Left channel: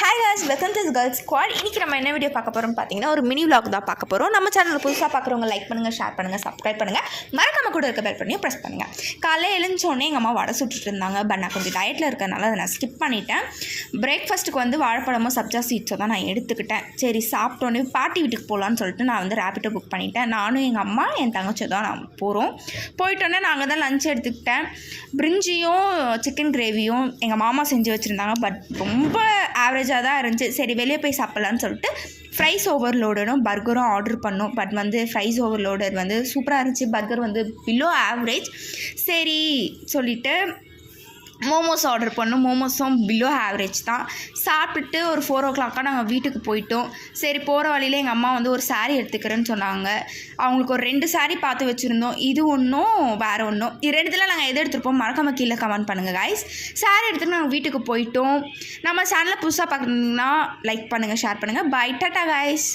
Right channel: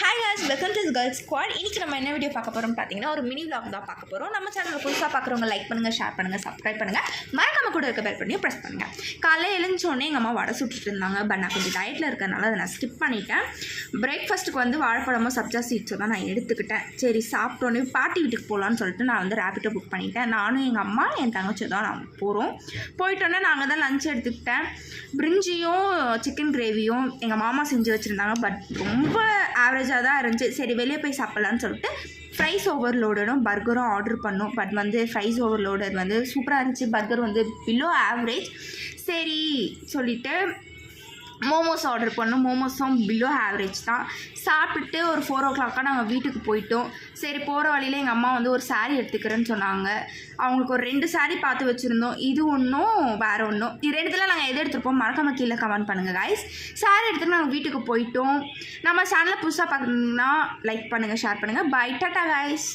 Hi guys, welcome to girls squad. இன்றைக்கி நம்ம என்ன வீடியோ பார்க்க போகிறோம் பார்த்தீங்கன்னா, ஒரு மினி விலாக் தான் பார்க்க போகிறோம். நம்ம சேனலில் புதுசாக பார்க்குறவங்க லைக் பண்ணுங்கள், ஷேர் பண்ணுங்கள், சப்ஸ்கிரைப் பண்ணுங்கள், மறக்காம கூட இருக்க பெல் பண்ணி ப்ரெஸ் பண்ணுங்கள். காலையில் எழுந்தோடனே எங்கள் அம்மா வடை சுட்டுட்டு இருந்தாங்க. பட் நான் கொஞ்சம் டயட்டில் இருக்கறனால அதை நான் ஸ்கிப் பண்ணிட்டேன். பிரேக்ஃபாஸ்ட்டுக்கு வந்து வாழைப்பழமோ சப்ஜா சீட்ஸோ தான் நான் எடுத்துக்கிட்டேன். சரி, சாப்பிட்டோன்னே பாட்டி வீட்டுக்கு போகலான்னு சொல்லிட்டு நான் வந்து ரேபிட்டோ புக் பண்ணிட்டேன். நானும் எங்கள் அம்மா என் தங்கச்சி தான் நான் போகிறோம். போயிட்டோன்னே நாங்கள் தான் லஞ்ச் எடுத்துக்கிட்டேன். பிரிஞ்சியும் சிக்கன் கிரேவியும் எங்கள் மாமா செஞ்சு வச்சுருந்தாங்க. பட் ரொம்ப ஆவரேஜாக தான் இருந்துச்சு. சரி, வெளியே போய் சாப்பிட்லான்னு சொல்லிட்டு ஃப்ரைஸ் ஓவர்லோடரும் பர்கரும் ஆர்டர் பண்ணோம். பட் வந்து ஃப்ரைஸ் ஓவர்லோடர் வந்து சூப்பராக இருந்துச்சு. பர்கர் வந்து பிலோ ஆவரேஜ். சரி சொல்லிவிட்டு மோமோஸ் ஆர்டர் பண்ணோம். மோமோஸும் பிலோ ஆவரேஜ் தான். சாப்பிட்டுட்டு ஒரு 4 o'clock நாங்கள் வீட்டுக்கு போயிட்டோம். சரி, போகிற வழியில் எங்கள் அம்மா வந்து ஒரு சாரீ எடுத்துக்கிறேன்னு சொன்னாங்க. அவங்களுக்கு ஒரு 2 சாரீ பார்த்து வச்சுருந்தோம். இது ஒன்றும் வேறு ஒன்றும். இது 2த்தில் நாங்கள் எது எடுத்துருப்போம் மறக்காம கீழே கமெண்ட் பண்ணுங்கள் காய்ஸ். சாரீ எடுத்துகிட்டு நாங்கள் வீட்டுக்கு போயிட்டோம். நம்ம சேனலை புதுசாக பார்க்கணுன்னா லைக் பண்ணுங்கள், ஷேர் பண்ணுங்கள். Bye, tata guys.